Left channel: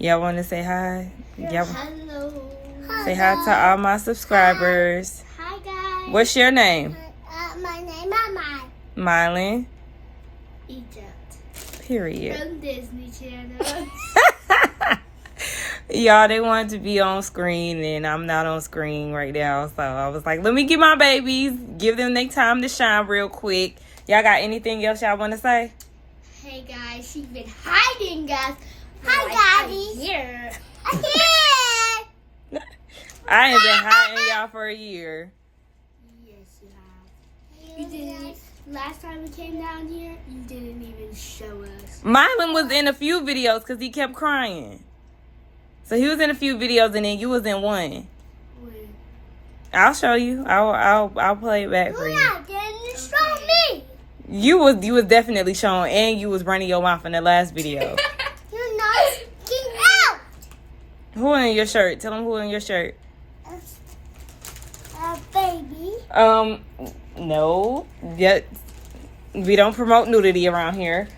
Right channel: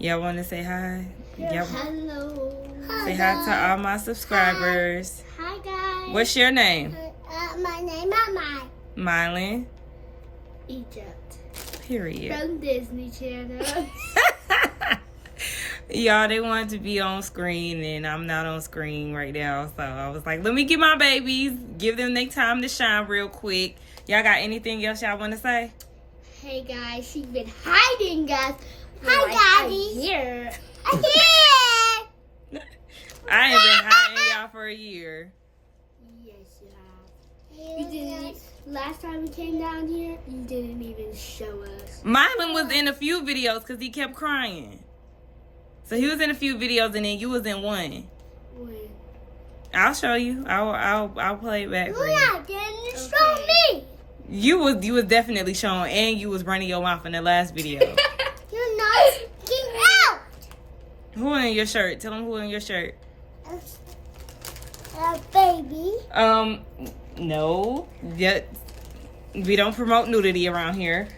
Y'all want to say hi? Hello. Say hi to all my subscribers. Hi guys. What's your name? My name is Mylin. Egypt. Period. From Disney Channel. Y'all, they wanted to be on screen, and I'm not on screen right now. So I was like, let me get my babies, give them their time to shine real quick. Y'all got anything else y'all want to say? Hey guys, she's been hiding us. Hi, Daddy. Here. I'm here. I ain't been hiding y'all for a year. Yes, you have. You didn't. Last time we came down here, you didn't even show us. Mylin was in a few videos because he kept crying. So he was in a few videos, and then you was in one. When? I'll show you. I'll play it back for you. Luna didn't show me. You was definitely showing, and you was running your mouth in the last video. You're not getting out. Who in your shirt? Tell them who in your shirt. Baby. No. Yeah, we don't promote nudity around here.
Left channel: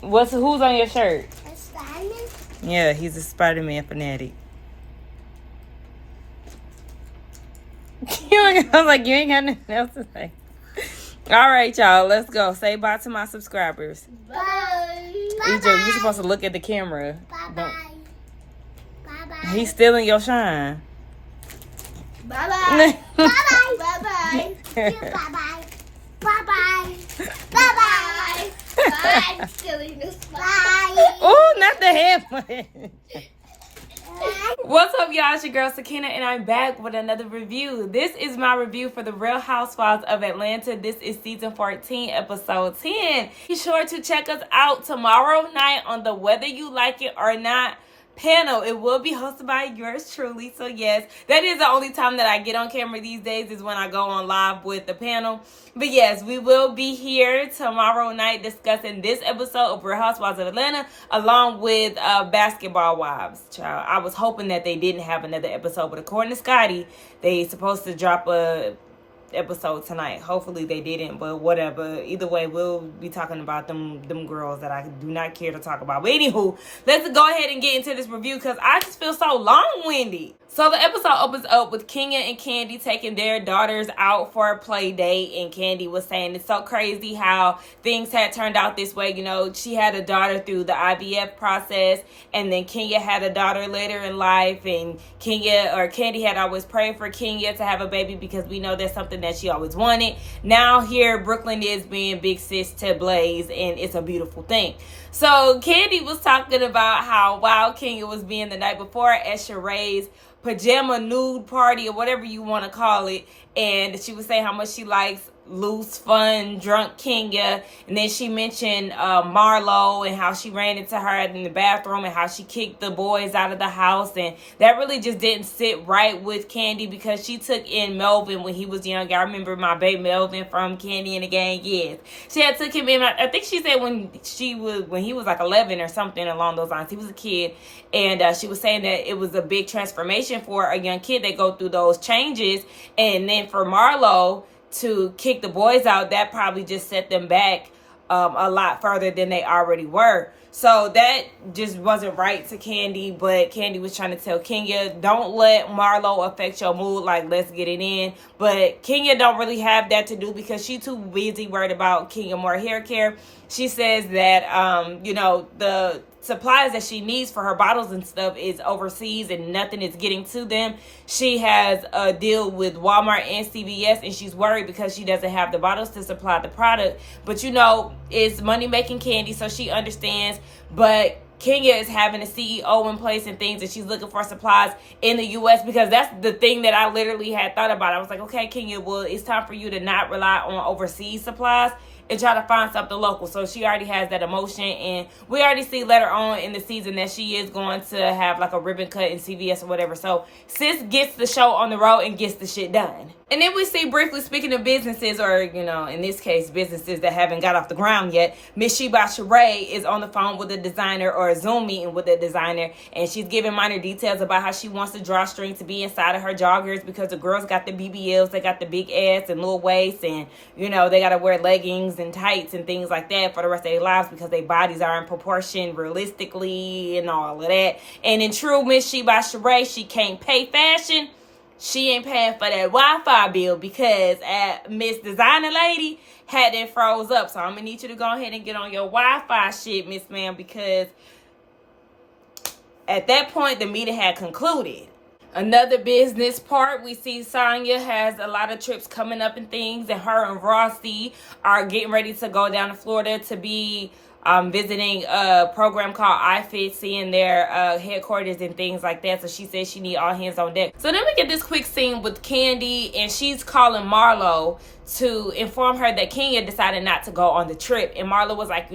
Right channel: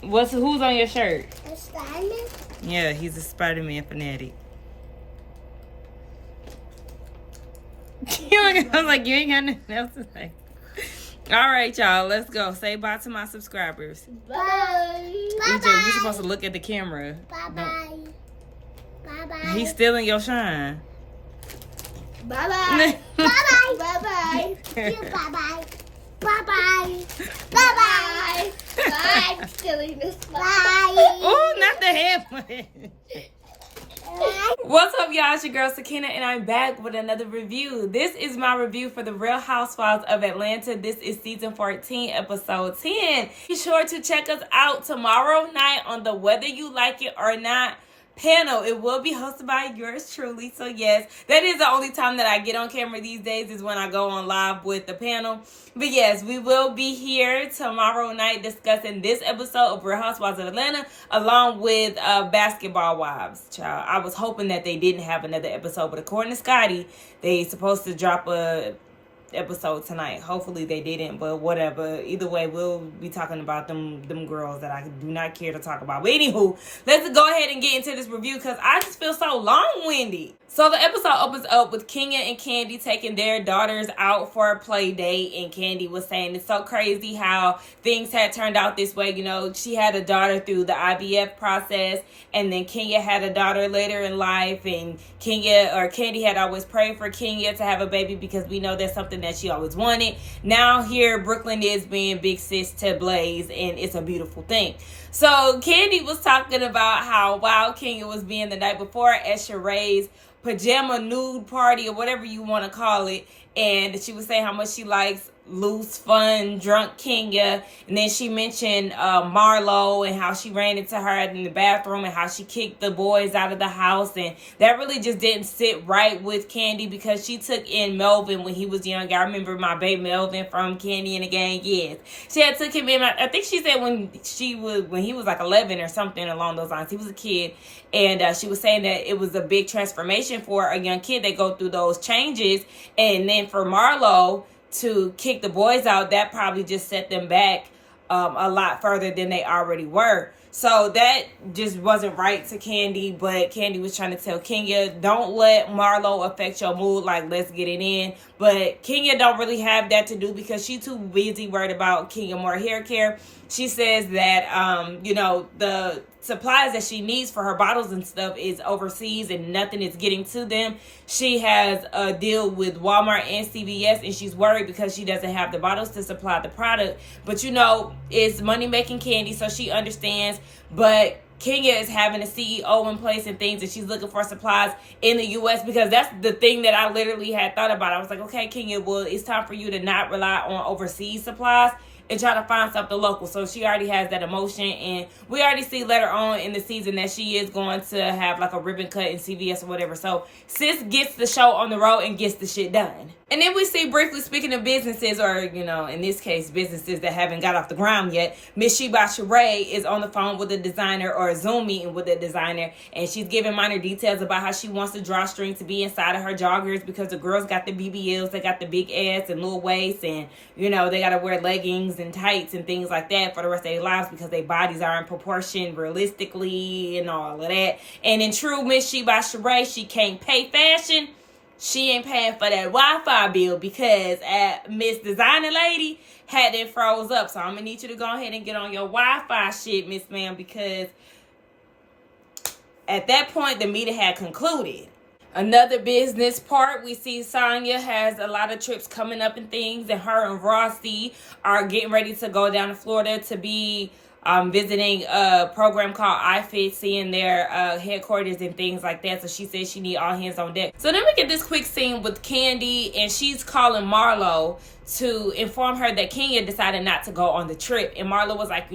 Who's on your shirt? A Simon. Yeah, he's a Spider-Man fanatic. I was like, you ain't got nothing else to say. All right, y'all, let's go. Say bye to my subscribers. Bye. EJ, you're supposed to look at the camera. Bye-bye. Bye-bye. He's stealing your shine. Bye-bye. Bye-bye. Bye-bye. Bye-bye. Bye-bye. Bye-bye. Bye. I'm stealing this. Bye. Oh, not the hand. What's up, y'all? It's your girl Sakina, and I'm back with another review. This is my review for the Real Housewives of Atlanta. This is season 14, episode 10. Be sure to check us out tomorrow night on the Whether You Like It or Not panel. It will be hosted by yours truly. So yes, that is the only time that I get on camera these days, is when I go on live with the panel. But yes, we will be here tomorrow night discussing this episode of Real Housewives of Atlanta along with Basketball Wives. Child, I was hoping that they didn't have another episode, but according to Scotty, they supposed to drop a episode tonight. Hopefully they didn't, but whatever. Either way, we'll be talking about them girls that I do not care to talk about. But anywho, let's go ahead and get into this review because I just feel so long-winded. So the episode opens up with Kenya and Candy taking their daughters out for a play date, and Candy was saying it's so crazy how things had turned out this way. You know, she had a daughter through the IVF process, and then Kenya had a daughter later in life, and Candy had always prayed for Kenya to have a baby because we know that's something that she always wanted. Now here Brooklyn is being big sis to Blaze, and it's a beautiful thing. So Candy was talking about how wild Kenya was being the night before at Sheree's pajama nude party, or whatever you want to call it, and she was saying how much she likes loose, fun, drunk Kenya. And then she mentioned Marlo and how she ran into her in the bathroom and how she kicked the boys out of the house, and that really just didn't sit right with Candy because she took in Melvin when he was young. I remember my baby Melvin from Candy and the Gang. Yes, she had took him in. I think she said when he was like 11 or something along those lines. He was a kid. And she was saying that it was a big transformation for a young kid. They go through those changes. And then for Marlo to kick the boys out, that probably just set them back a lot further than they already were. So that just wasn't right to Candy. But Candy was trying to tell Kenya, don't let Marlo affect your mood. Like, let's get it in. But Kenya don't really have that to do because she's too busy worried about Kenya more hair care. She says that, the supplies that she needs for her bottles and stuff is overseas and nothing is getting to them. She has a deal with Walmart and CVS, and she's worried because she doesn't have the bottles to supply the product. But, it's money-making Candy, so she understands. But Kenya is having a CEO in place and things, and she's looking for supplies in the U.S. because that's the thing that I literally had thought about. I was like, okay, Kenya, well, it's time for you to not rely on overseas supplies and try to find something local. So she already has that emotion, and we already see later on in the season that she is going to have like a ribbon cut in CVS or whatever. So sis gets the show on the road and gets the shit done. And then we see briefly, speaking of businesses, or, in this case, businesses that haven't got off the ground yet, Miss Sheba Sheree is on the phone with a designer, or a Zoom meeting with a designer, and she's giving minor details about how she wants the drawstring to be inside of her joggers because the girls got the BBLs, they got the big ass and little waist, and, they got to wear leggings and tights and things like that for the rest of their lives because their bodies are in proportion realistically and all of that. And in true Miss She by Sheree, she can't pay fashion. She ain't paying for that Wi-Fi bill because Miss Designer Lady had it froze up. So I'm going to need you to go ahead and get on your Wi-Fi shit, Miss Ma'am, because at that point, the meeting had concluded. Another business part, we see Sonya has a lot of trips coming up and things, and her and Rossi are getting ready to go down to Florida to be visiting a program called iFit, seeing their headquarters and things like that. So she says she need all hands on deck. So then we get this quick scene with Candy, and she's calling Marlo to inform her that Kenya decided not to go on the trip. And Marlo was like,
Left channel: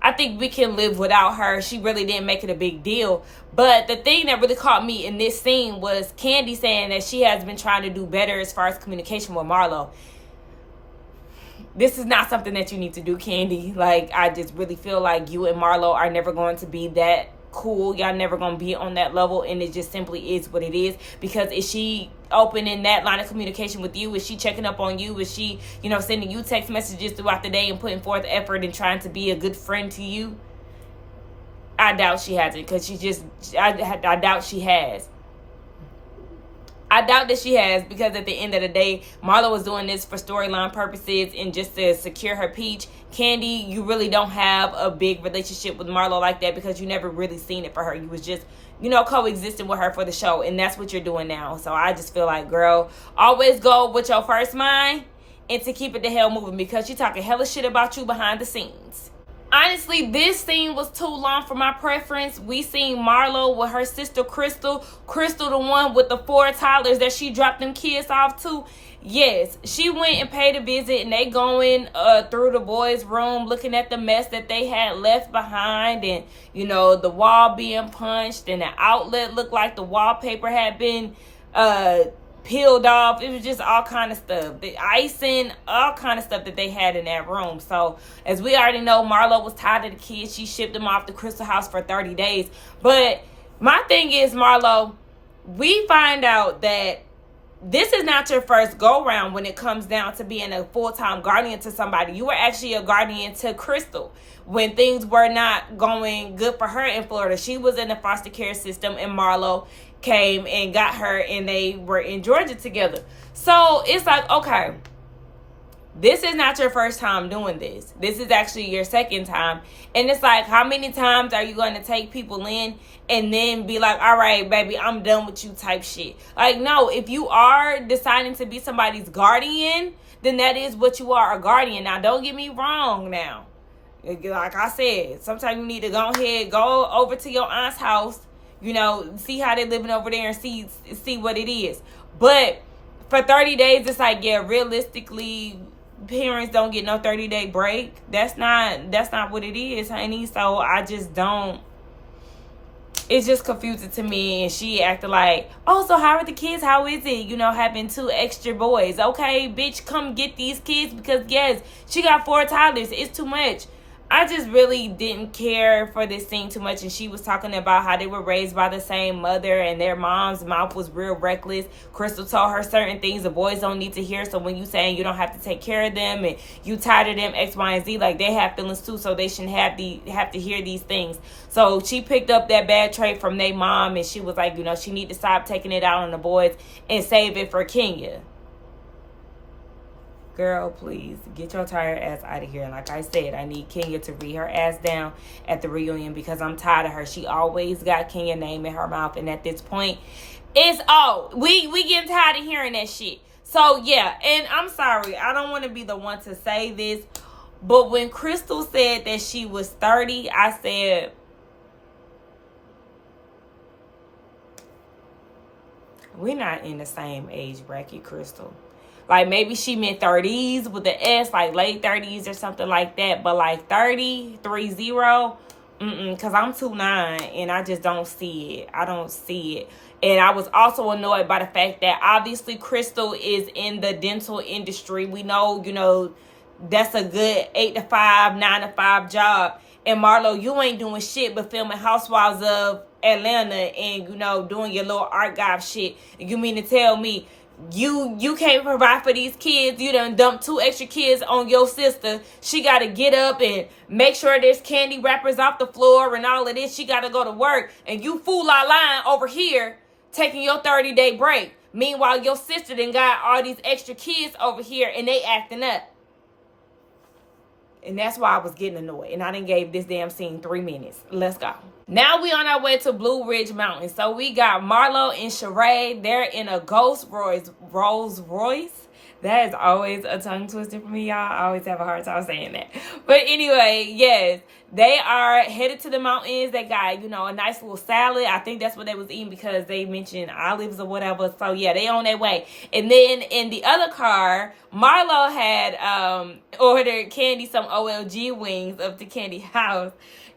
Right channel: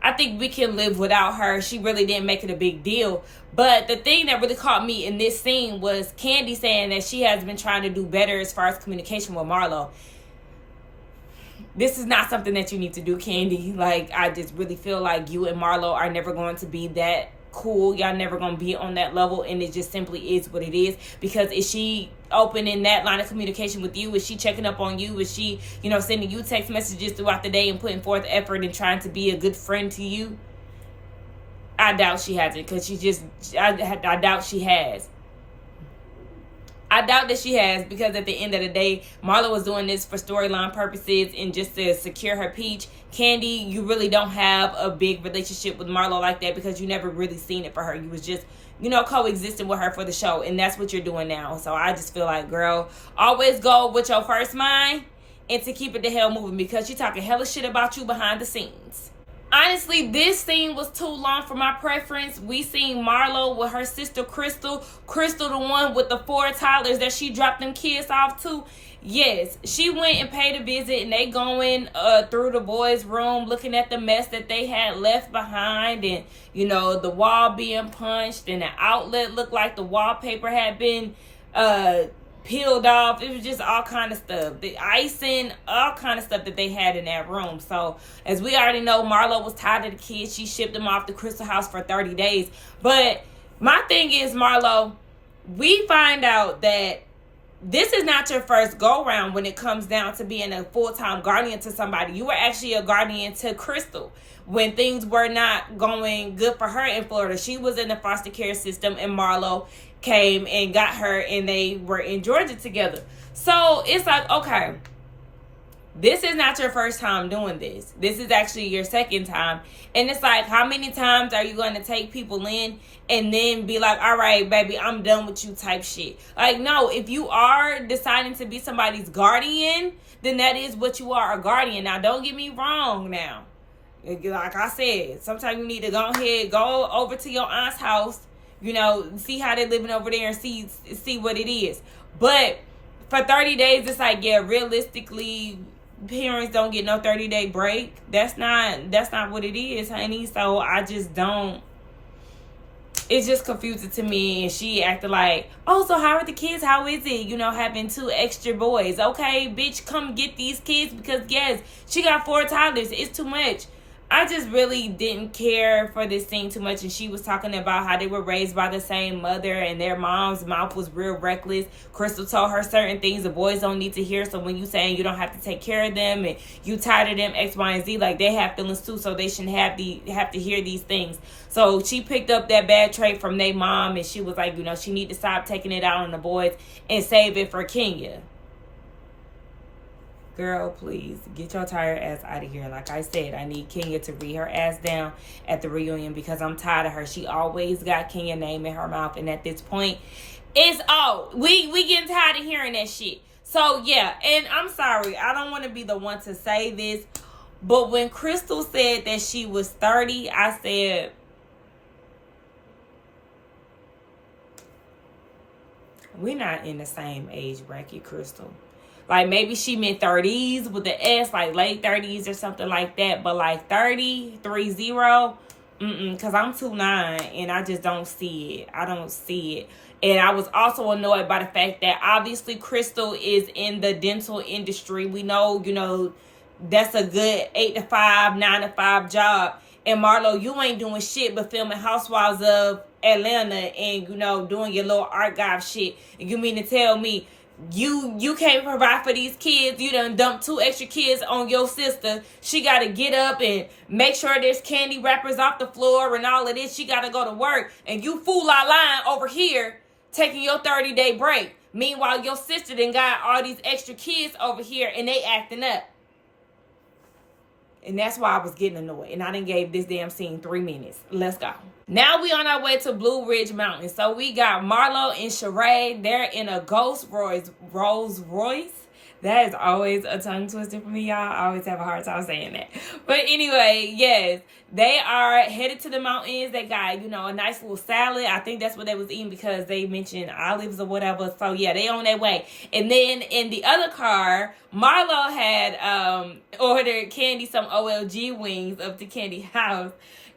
I think we can live without her. She really didn't make it a big deal. But the thing that really caught me in this scene was Candy saying that she has been trying to do better as far as communication with Marlo. This is not something that you need to do, Candy. Like, I just really feel like you and Marlo are never going to be that cool. Y'all never going to be on that level, and it just simply is what it is. Because is she open in that line of communication with you? Is she checking up on you? Is she, sending you text messages throughout the day and putting forth effort and trying to be a good friend to you? I doubt she hasn't, because I doubt she has. I doubt that she has, because at the end of the day, Marlo was doing this for storyline purposes and just to secure her peach. Candy, you really don't have a big relationship with Marlo like that because you never really seen it for her. You was just, coexisting with her for the show, and that's what you're doing now. So I just feel like, girl, always go with your first mind and to keep it the hell moving, because she's talking hella shit about you behind the scenes. Honestly, this scene was too long for my preference. We seen Marlo with her sister Crystal. Crystal, the one with the 4 toddlers that she dropped them kids off to. Yes, she went and paid a visit, and they going through the boys' room looking at the mess that they had left behind, and the wall being punched, and the outlet looked like the wallpaper had been peeled off. It was just all kind of stuff, the icing, all kind of stuff that they had in that room. So as we already know, Marlo was tired of the kids. She shipped them off to Crystal house for 30 days. But my thing is, Marlo, we find out that this is not your first go round when it comes down to being a full-time guardian to somebody. You were actually a guardian to Crystal when things were not going good for her in Florida. She was in the foster care system, and Marlo came and got her, and they were in Georgia together. So it's like, okay, this is not your first time doing this. This is actually your second time. And it's like, how many times are you going to take people in and then be like, all right, baby, I'm done with you type shit? Like, no, if you are deciding to be somebody's guardian, then that is what you are, a guardian. Now, don't get me wrong now. Like I said, sometimes you need to go ahead, go over to your aunt's house, see how they're living over there and see what it is. But for 30 days, it's like, yeah, realistically, parents don't get no 30-day break. That's not what it is, honey. So I just don't. It's just confusing to me. And she acted like, oh, so how are the kids? How is it, having 2 extra boys? Okay, bitch, come get these kids, because yes, she got 4 toddlers. It's too much. I just really didn't care for this scene too much. And she was talking about how they were raised by the same mother and their mom's mouth was real reckless. Crystal told her certain things the boys don't need to hear. So when you saying you don't have to take care of them and you tired of them X, Y, and Z, like they have feelings too. So they shouldn't have to hear these things. So she picked up that bad trait from their mom, and she was like, she need to stop taking it out on the boys and save it for Kenya. Girl, please get your tired ass out of here. Like I said, I need Kenya to read her ass down at the reunion, because I'm tired of her. She always got Kenya's name in her mouth, and at this point, it's old. We getting tired of hearing that shit. So yeah, and I'm sorry, I don't want to be the one to say this, but when Crystal said that she was 30, I said, we're not in the same age bracket, Crystal. Like, maybe she meant 30s with the S, like late 30s or something like that. But like 30, 30, because I'm 2'9", and I just don't see it. I don't see it. And I was also annoyed by the fact that obviously Crystal is in the dental industry. We know, that's a good 8 to 5, 9 to 5 job. And Marlo, you ain't doing shit but filming Housewives of Atlanta and, doing your little archive shit. You mean to tell me you can't provide for these kids. You done dumped 2 extra kids on your sister. She got to get up and make sure there's candy wrappers off the floor and all of this. She got to go to work. And you fool our line over here taking your 30-day break. Meanwhile, your sister done got all these extra kids over here and they acting up. And that's why I was getting annoyed. And I done gave this damn scene 3 minutes. Let's go. Now we on our way to Blue Ridge Mountain. So we got Marlo and Sheree. They're in a Rolls Royce. That is always a tongue twister for me, y'all. I always have a hard time saying that. But anyway, yes. They are headed to the mountains. They got, a nice little salad. I think that's what they was eating because they mentioned olives or whatever. So, yeah, they on their way. And then in the other car, Marlo had ordered Candy some OLG wings up to Candy house.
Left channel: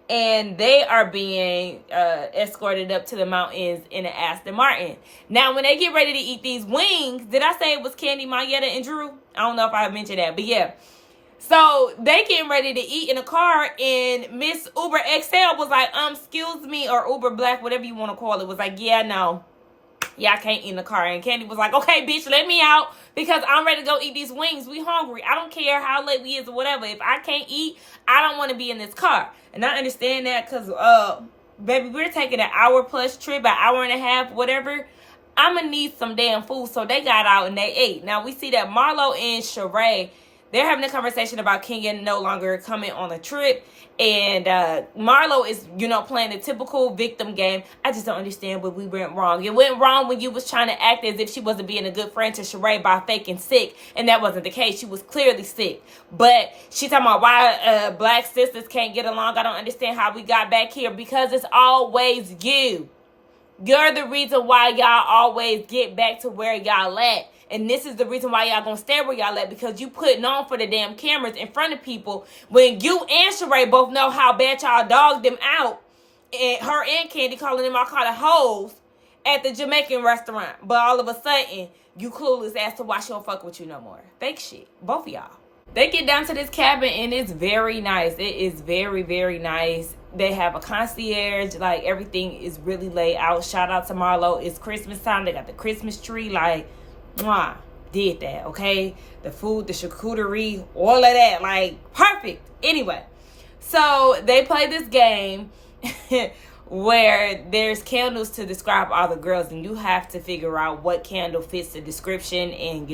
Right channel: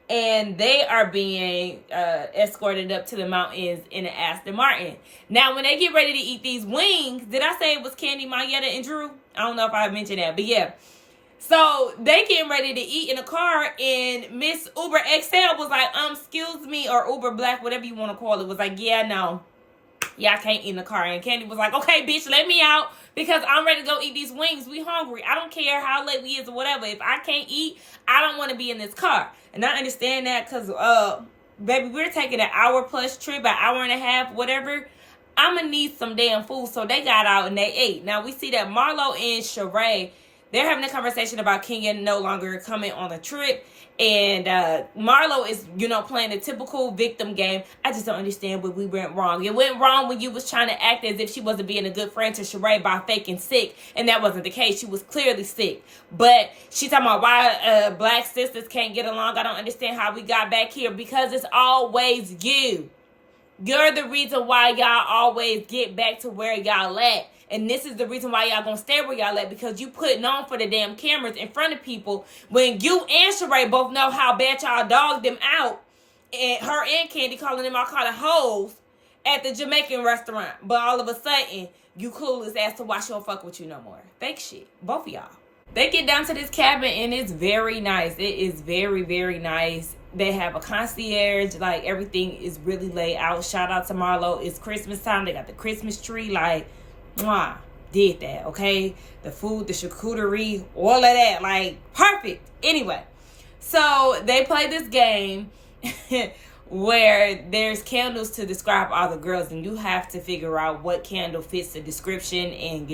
And they are being escorted up to the mountains in an Aston Martin. Now, when they get ready to eat these wings, did I say it was Candy, Mayetta, and Drew? I don't know if I mentioned that, but yeah. So they getting ready to eat in a car, and Miss Uber XL was like, excuse me, or Uber Black, whatever you want to call it, was like, yeah, no. Yeah, I can't eat in the car. And Candy was like, okay, bitch, let me out because I'm ready to go eat these wings. We hungry. I don't care how late we is or whatever. If I can't eat, I don't want to be in this car. And I understand that because, baby, we're taking an hour-plus trip, an hour and a half, whatever. I'm going to need some damn food. So they got out and they ate. Now, we see that Marlo and Sheree, they're having a conversation about Kenya no longer coming on a trip. And Marlo is, playing a typical victim game. I just don't understand where we went wrong. It went wrong when you was trying to act as if she wasn't being a good friend to Sheree by faking sick. And that wasn't the case. She was clearly sick. But she talking about why black sisters can't get along. I don't understand how we got back here. Because it's always you. You're the reason why y'all always get back to where y'all at. And this is the reason why y'all gonna stay where y'all at, because you putting on for the damn cameras in front of people when you and Sheree both know how bad y'all dogged them out. And her and Candy calling them all kind of hoes at the Jamaican restaurant. But all of a sudden, you clueless as to why she don't fuck with you no more. Fake shit. Both of y'all. They get down to this cabin and it's very nice. It is very, very nice. They have a concierge. Like, everything is really laid out. Shout out to Marlo. It's Christmas time. They got the Christmas tree. Like, mwah, did that, okay? The food, the charcuterie, all of that, like, perfect. Anyway, so they play this game where there's candles to describe all the girls, and you have to figure out what candle fits the description, and,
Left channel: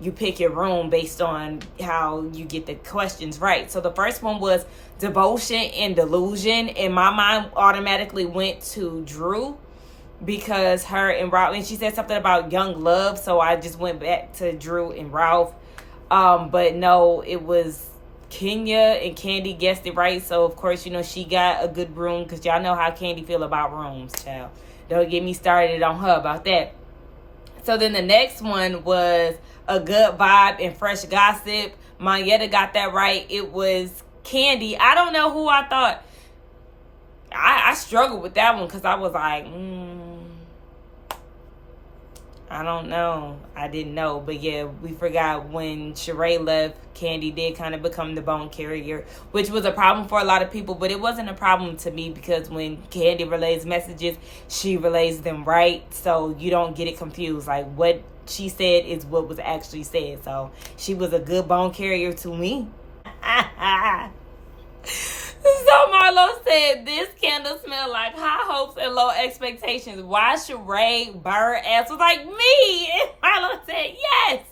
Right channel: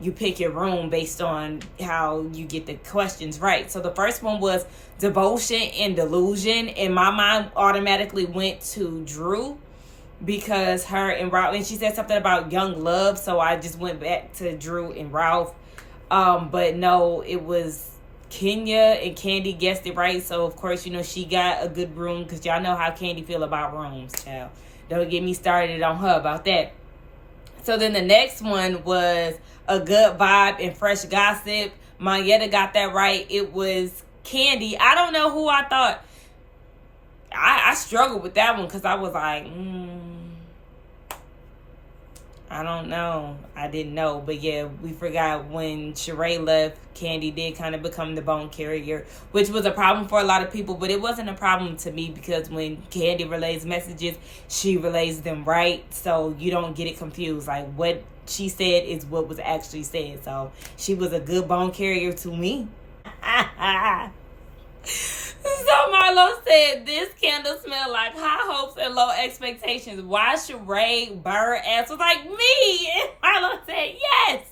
you pick your room based on how you get the questions right. So the first one was devotion and delusion, and my mind automatically went to Drew, because her and Ralph, and she said something about young love, so I just went back to Drew and Ralph. But no, it was Kenya, and Candy guessed it right. So of course, she got a good room, because y'all know how Candy feel about rooms, child. Don't get me started on her about that. So then the next one was a good vibe and fresh gossip. Mayetta got that right. It was Candy. I don't know who I thought. I struggled with that one because I was like, I don't know. I didn't know. But yeah, we forgot when Sheree left, Candy did kind of become the bone carrier, which was a problem for a lot of people. But it wasn't a problem to me because when Candy relays messages, she relays them right. So you don't get it confused. Like, what she said is what was actually said. So she was a good bone carrier to me. So Marlo said, this candle smelled like high hopes and low expectations. Why Sheree Bird ass was like, me? And Marlo said, yes.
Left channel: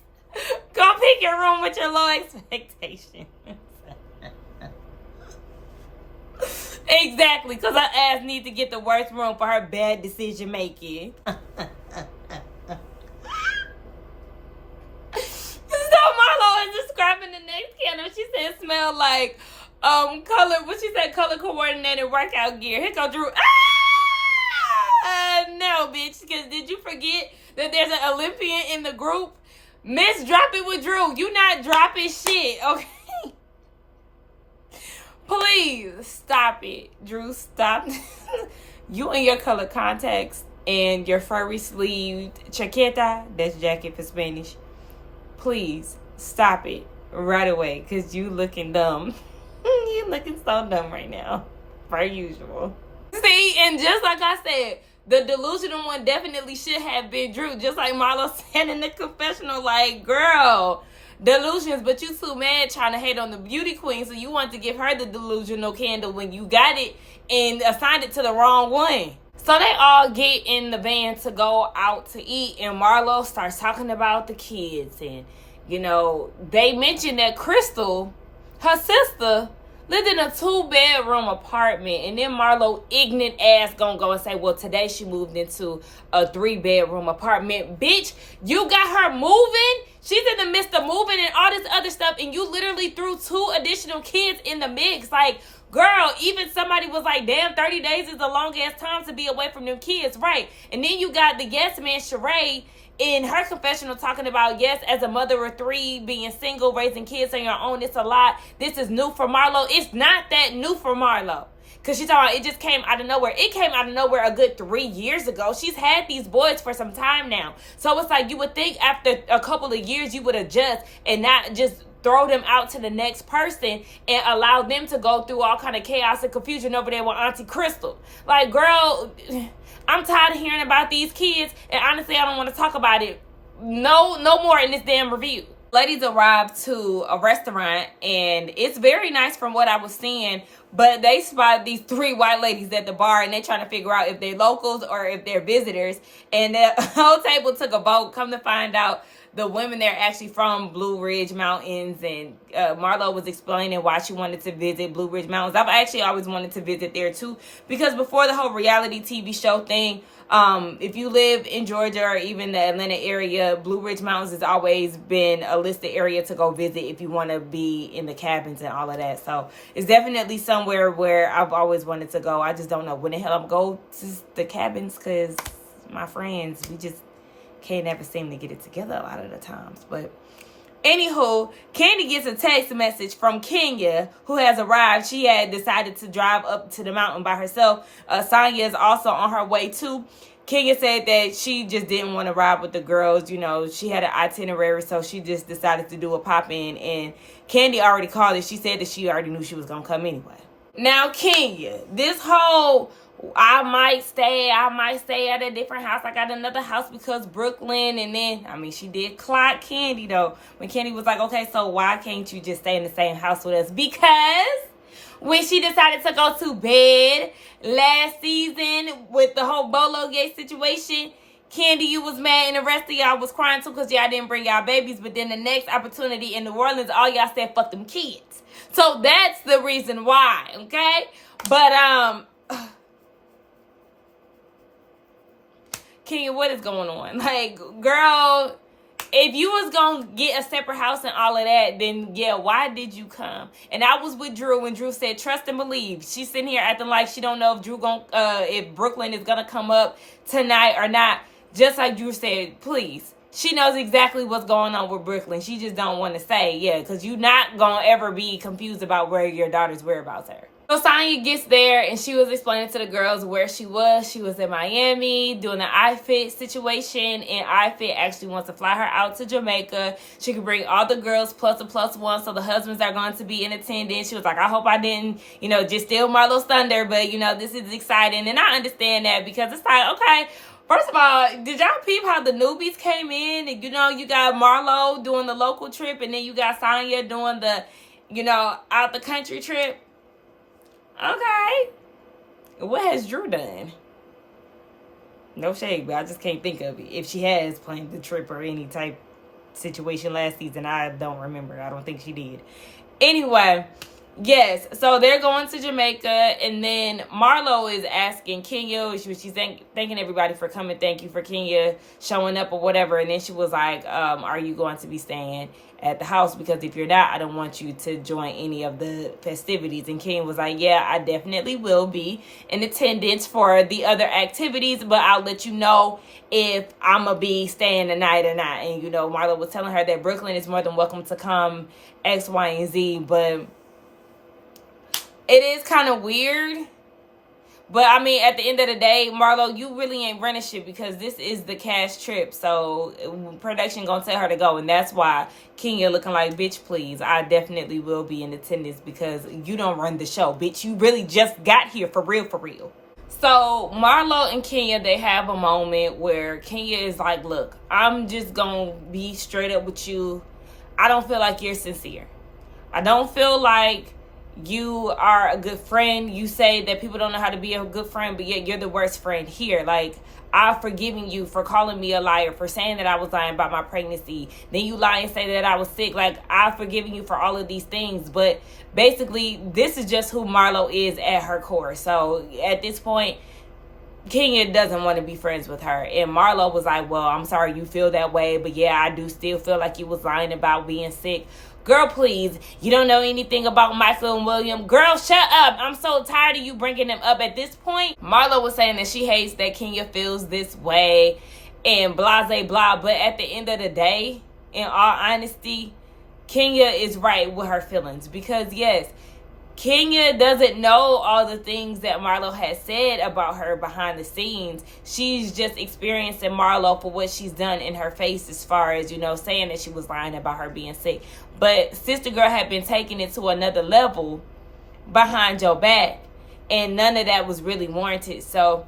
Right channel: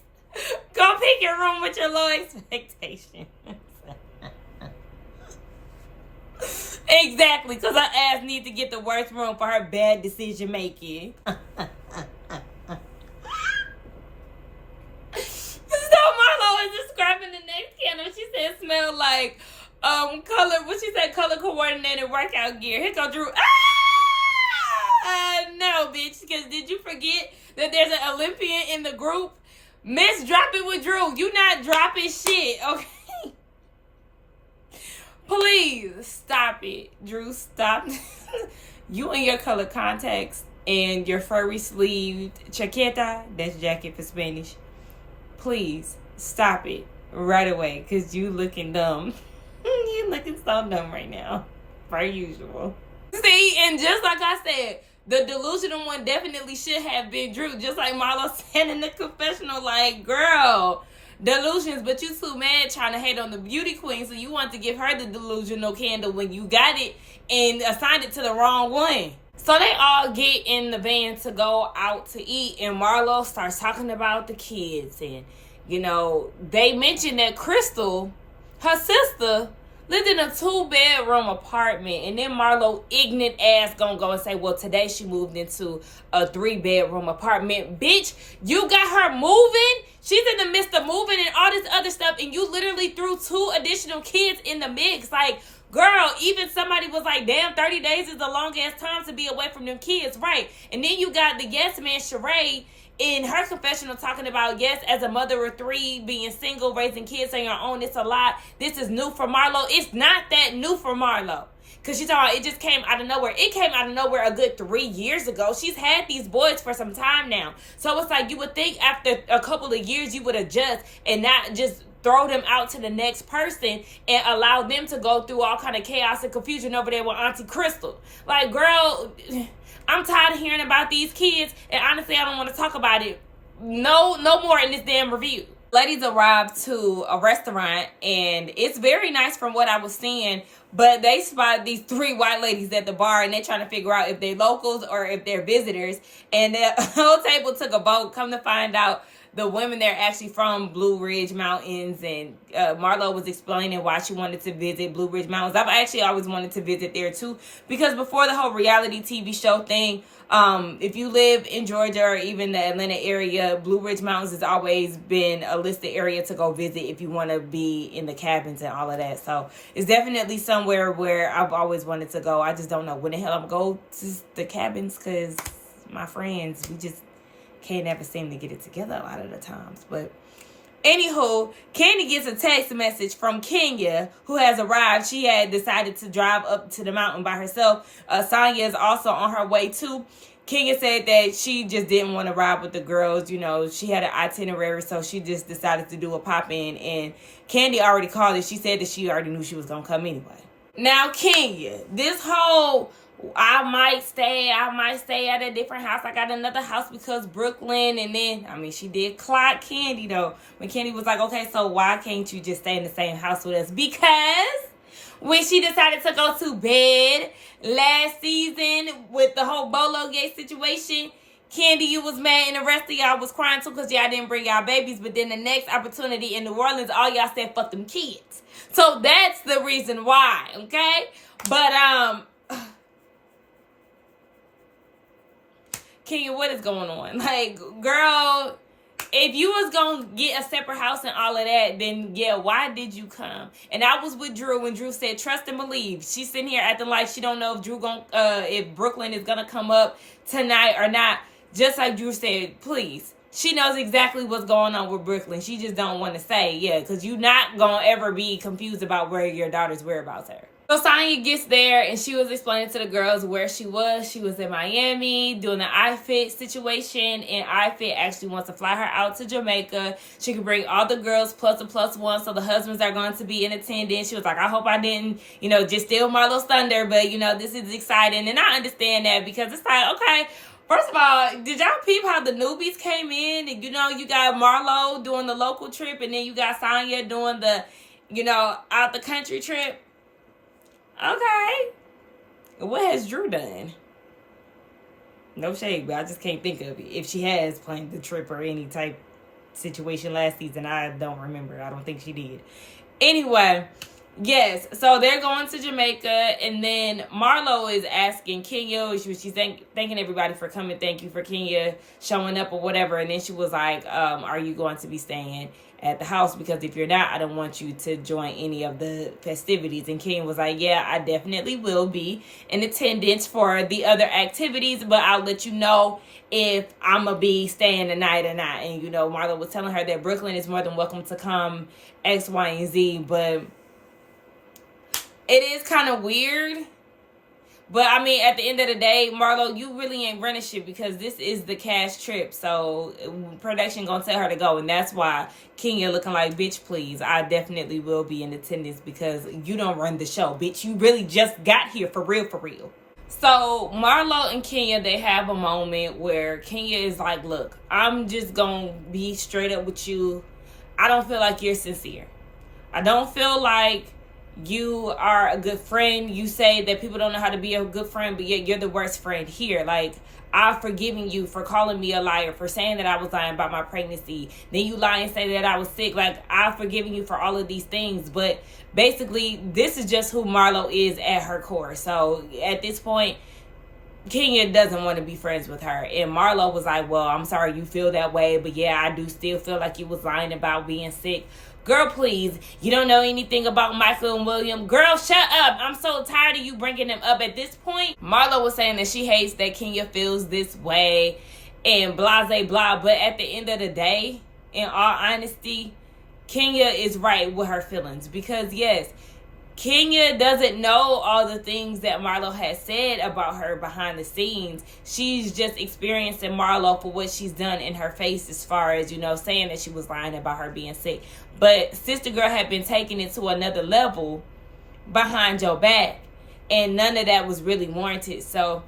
Go pick your room with your low expectations. Exactly, because her ass needs to get the worst room for her bad decision making. So Marlo is describing the next candle. She said it smelled like color, what she said, color coordinated workout gear. Here go Drew. No, bitch, because did you forget that there's an Olympian in the group? Miss, drop it with Drew. You not dropping shit, okay? Please stop it, Drew. Stop. You and your color contacts and your furry sleeved chaqueta, that's jacket for Spanish. Please stop it right away, because you looking dumb. You looking so dumb right now, per usual. See, and just like I said, the delusional one definitely should have been Drew. Just like Marlo said in the confessional, like, girl, delusions, but you too mad trying to hate on the beauty queen, so you want to give her the delusional candle when you got it and assigned it to the wrong one. So they all get in the van to go out to eat, and Marlo starts talking about the kids. And, you know, they mentioned that Crystal, her sister, lived in a 2-bedroom apartment. And then Marlo, ignorant ass, gonna go and say, well, today she moved into a 3-bedroom apartment. Bitch, you got her moving? She's in the midst of moving and all this other stuff, and you literally threw 2 additional kids in the mix. Like, girl, even somebody was like, damn, 30 days is a long-ass time to be away from them kids, right? And then you got the yes man, Sheree, in her confessional talking about, yes, as a mother of 3, being single, raising kids on your own, it's a lot. This is new for Marlo. It's not that new for Marlo. Because she's talking about it just came out of nowhere. It came out of nowhere a good 3 years ago. She's had these boys for some time now. So it's like you would think after a couple of years you would adjust and not just throw them out to the next person and allow them to go through all kind of chaos and confusion over there with Auntie Crystal. Like, girl, I'm tired of hearing about these kids, and honestly, I don't want to talk about it no more in this damn review. Ladies arrived to a restaurant, and it's very nice from what I was seeing, but they spotted these 3 white ladies at the bar, and they're trying to figure out if they're locals or if they're visitors, and the whole table took a vote. Come to find out, the women there actually from Blue Ridge Mountains, and Marlo was explaining why she wanted to visit Blue Ridge Mountains. I've actually always wanted to visit there too, because before the whole reality TV show thing, if you live in Georgia or even the Atlanta area, Blue Ridge Mountains has always been a listed area to go visit if you want to be in the cabins and all of that. So it's definitely somewhere where I've always wanted to go. I just don't know when the hell I'm going to go to the cabins, because my friends, we just can't ever seem to get it together a lot of the times. But anywho, Candy gets a text message from Kenya, who has arrived. She had decided to drive up to the mountain by herself. Sonya is also on her way too. Kenya said that she just didn't want to ride with the girls. You know, she had an itinerary, so she just decided to do a pop-in. And Candy already called it. She said that she already knew she was going to come anyway. Now, Kenya, this whole I might stay at a different house. I got another house because Brooklyn. And then, I mean, she did clock Candy, though. When Candy was like, okay, so why can't you just stay in the same house with us? Because when she decided to go to bed last season with the whole Bolo Gate situation, Candy, you was mad, and the rest of y'all was crying too because y'all didn't bring y'all babies. But then the next opportunity in New Orleans, all y'all said, fuck them kids. So that's the reason why, okay? But, Kenya, what is going on? Like, girl, if you was gonna get a separate house and all of that, then yeah, why did you come? And I was with Drew when Drew said trust and believe. She's sitting here acting like she don't know if if Brooklyn is gonna come up tonight or not. Just like Drew said, please. She knows exactly what's going on with Brooklyn. She just don't want to say, yeah, because you're not gonna ever be confused about where your daughter's whereabouts are. So Sonya gets there, and she was explaining to the girls where she was. She was in Miami doing an iFit situation, and iFit actually wants to fly her out to Jamaica. She can bring all the girls plus a plus one, so the husbands are going to be in attendance. She was like, I hope I didn't, just steal Marlo's thunder, but, this is exciting. And I understand that, because it's like, okay, first of all, did y'all peep how the newbies came in? And, you got Marlo doing the local trip, and then you got Sonya doing the, out the country trip. Okay. What has Drew done? No shade, but I just can't think of it. If she has planned the trip or any type situation last season, I don't remember. I don't think she did. Anyway, yes. So they're going to Jamaica, and then Marlo is asking Kenya, she's thanking everybody for coming. Thank you for Kenya showing up or whatever. And then she was like, are you going to be staying at the house? Because if you're not, I don't want you to join any of the festivities. And Kenya was like, yeah, I definitely will be in attendance for the other activities, but I'll let you know if I'm gonna be staying the night or not. And Marlo was telling her that Brooklyn is more than welcome to come X, Y, and Z, but it is kind of weird. But, I mean, at the end of the day, Marlo, you really ain't running shit, because this is the cash trip. So, production gonna tell her to go. And that's why Kenya looking like, bitch, please. I definitely will be in attendance, because you don't run the show, bitch. You really just got here for real, for real. So Marlo and Kenya, they have a moment where Kenya is like, look, I'm just gonna be straight up with you. I don't feel like you're sincere. I don't feel like you are a good friend. You say that people don't know how to be a good friend, but yet you're the worst friend here. Like, I've forgiven you for calling me a liar, for saying that I was lying about my pregnancy. Then you lie and say that I was sick. Like, I've forgiven you for all of these things. But basically, this is just who Marlo is at her core. So at this point, Kenya doesn't want to be friends with her. And Marlo was like, well, I'm sorry you feel that way, but yeah, I do still feel like you was lying about being sick. Girl, please, you don't know anything about Michael and William. Girl, shut up. I'm so tired of you bringing them up at this point. Marlo was saying that she hates that Kenya feels this way and blah, blah, blah. But at the end of the day, in all honesty, Kenya is right with her feelings. Because, yes, Kenya doesn't know all the things that Marlo has said about her behind the scenes. She's just experiencing Marlo for what she's done in her face as far as, saying that she was lying about her being sick. But Sister Girl had been taking it to another level behind your back, and none of that was really warranted. So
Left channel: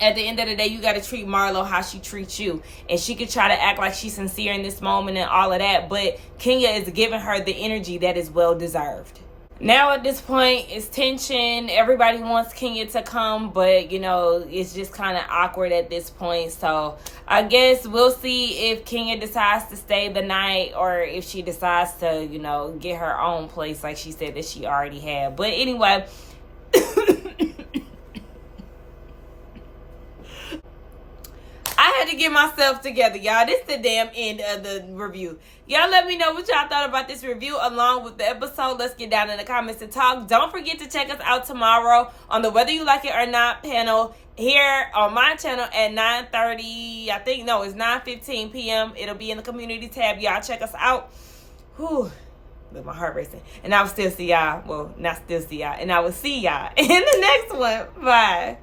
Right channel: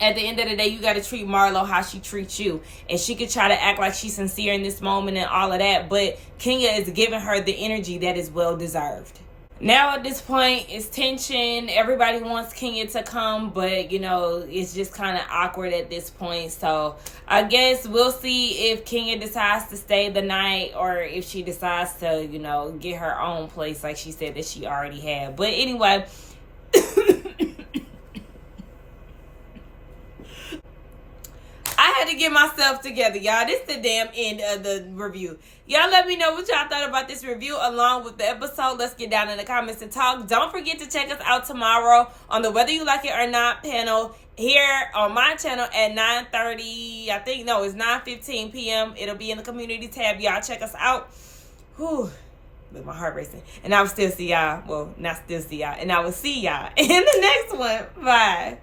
at the end of the day, you got to treat Marlo how she treats you. And she could try to act like she's sincere in this moment and all of that, but Kenya is giving her the energy that is well deserved. Now at this point, it's tension. Everybody wants Kenya to come, but, it's just kind of awkward at this point. So I guess we'll see if Kenya decides to stay the night or if she decides to, get her own place like she said that she already had. But anyway, I had to get myself together, y'all. This is the damn end of the review. Y'all let me know what y'all thought about this review along with the episode. Let's get down in the comments and talk. Don't forget to check us out tomorrow on the Whether You Like It or Not panel here on my channel at 9:30. I think, no, it's 9:15 p.m. It'll be in the community tab. Y'all check us out. Whew. But my heart racing. And I will still see y'all. Well, not still see y'all. And I will see y'all in the next one. Bye.